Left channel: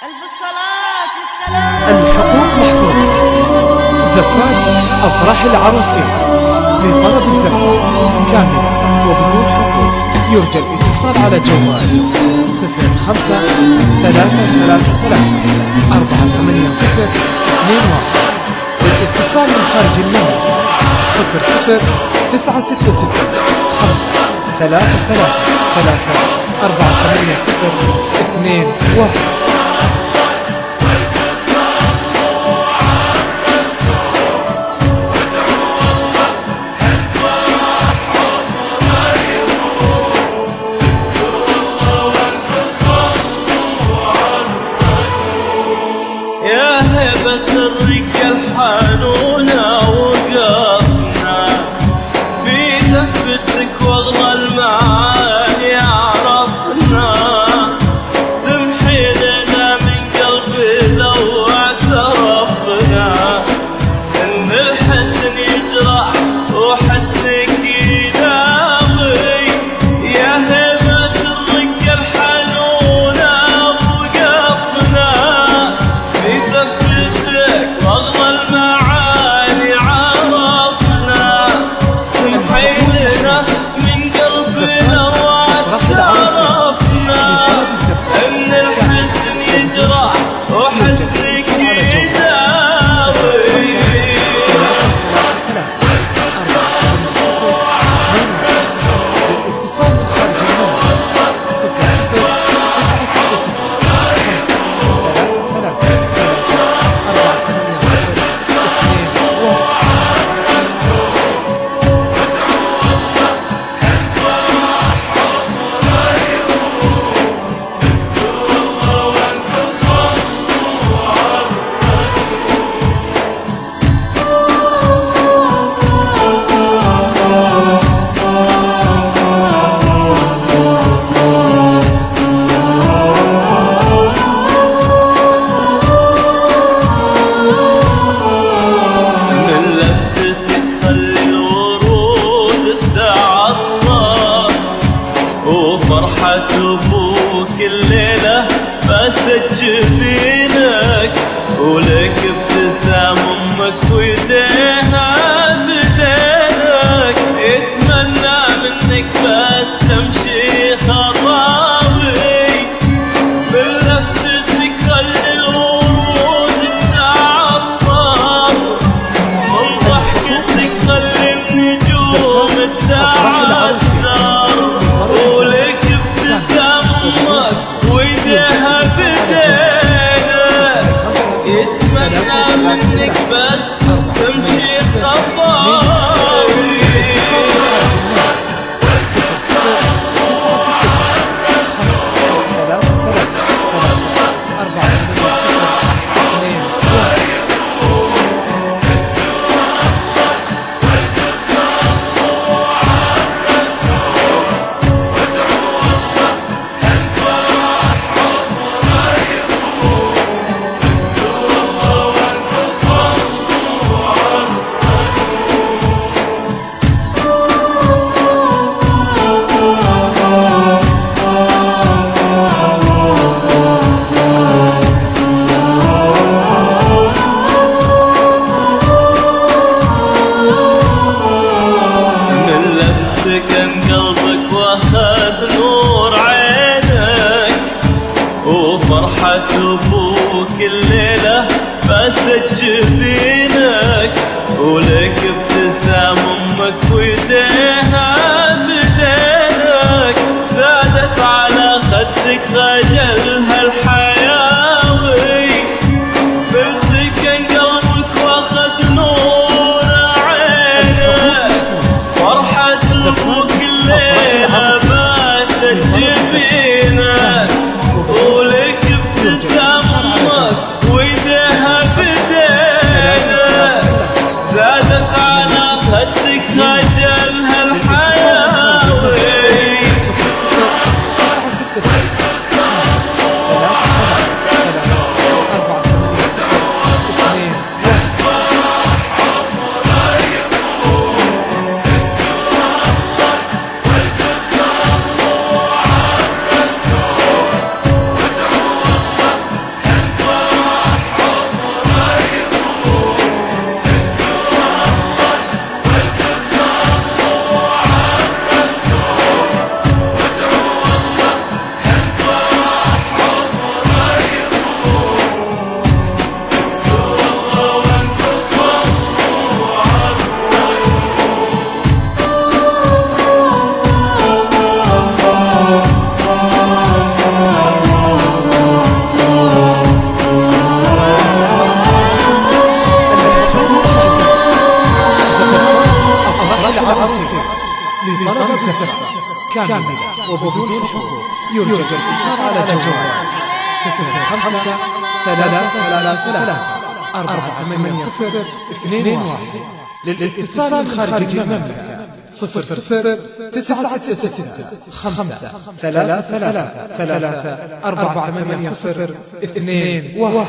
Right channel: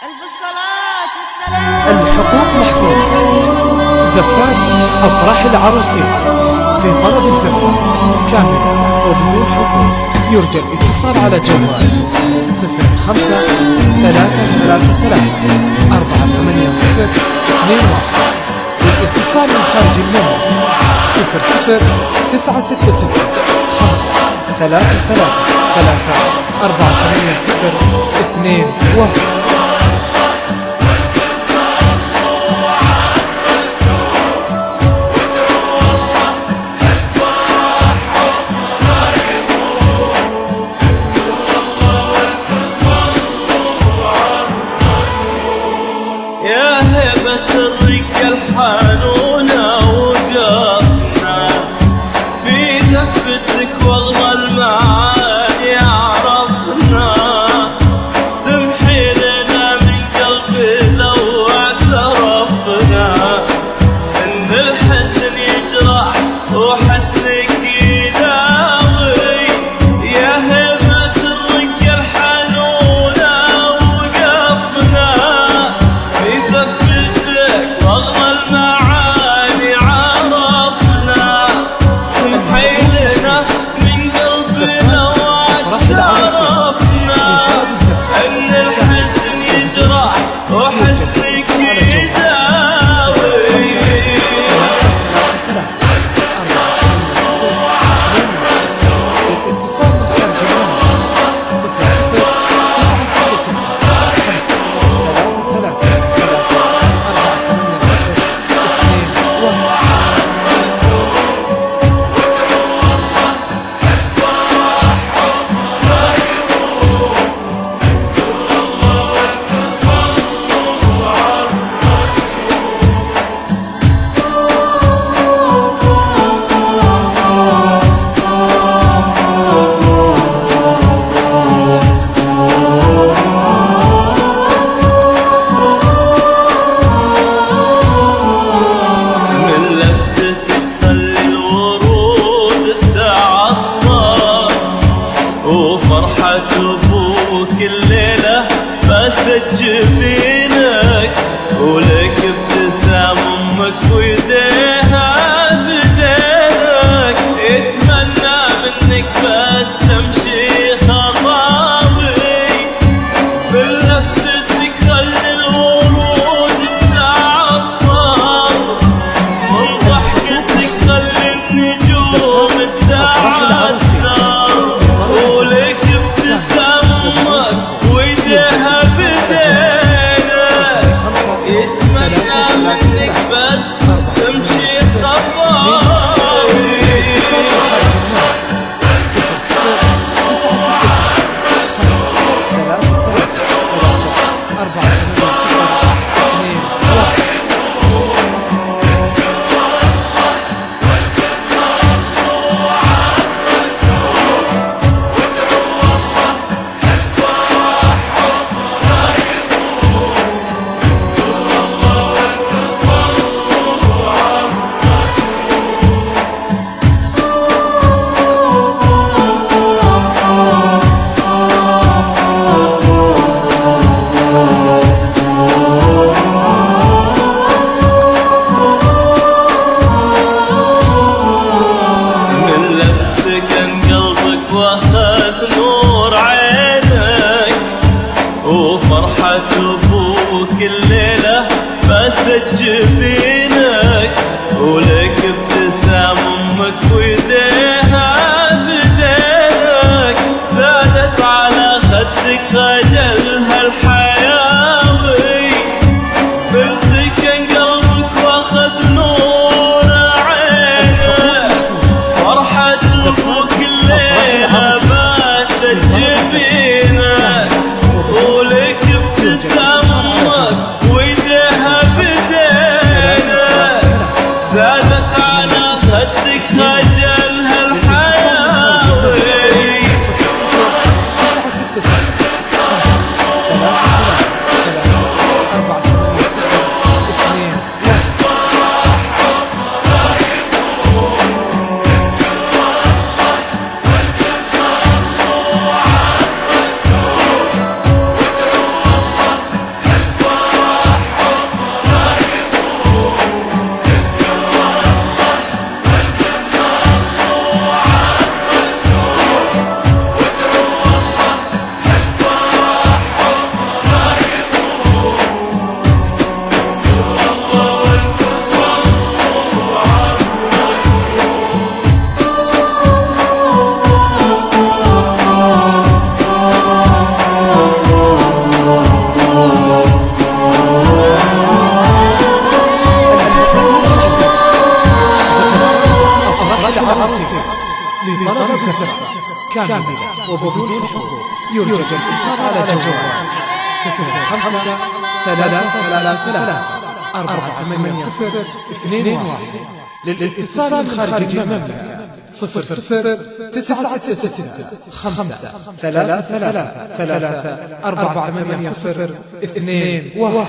ألف الصلاة والسلام. الحقوق محفوظة. زفات أفراح العروسين لطلب الزفات كاملة وبدون حقوق يرجى الاتصال على جوال 05-333-48021. للاتصال من خارج المملكة 00-966-5-333-48021. يا هبة الرجال حانونا وقفنا في دفتك واغلى المعاني عرفنا. سمحي لنا من قلبي لو اعترفنا ان الحسن يجرح وحسنك يداوي. يا هبة الرجال حانونا وقفنا في زفتك واغلى المعاني عرفنا. سمحي لنا من قلبنا واعترفنا ان الحسن يجرح وحسنك يداوي. للاتصال من خارج المملكة 00-966-5-333-48021. وفرحة أبوك الليلة فاست جبينك ولك ابتسام أمك ويديها بدينك. يتمنى منك بس تمشي خطاوي من لفتتك خلي الورود تعطر من ضحكتك خلي النجوم تتعثر ولك ابتسام امك ويديها بدينك. يتمنى منك بس تمشي خطاوي. 00-966-5-333-48021. سكن قلبك واخذ نور عينك وفرحة أبوك الليلة فاست جبينك ولك ابتسام أمك ويديها بدينك. زادت على خدك خجلها الحياوي بالسكن قلبك واخذ نور عينك. فرحة أبوك الليلة باست جبينك ولك ابتسام أمك ويديها بدينك. زادت على خدك خجلها الحياوي. 00-966-5-333-48021. كاملة وبدون حقوق. يرجى الاتصال على جوال 05 333 480 للاتصال خارج المملكة 00 966 5 3 3 3 480 2 1.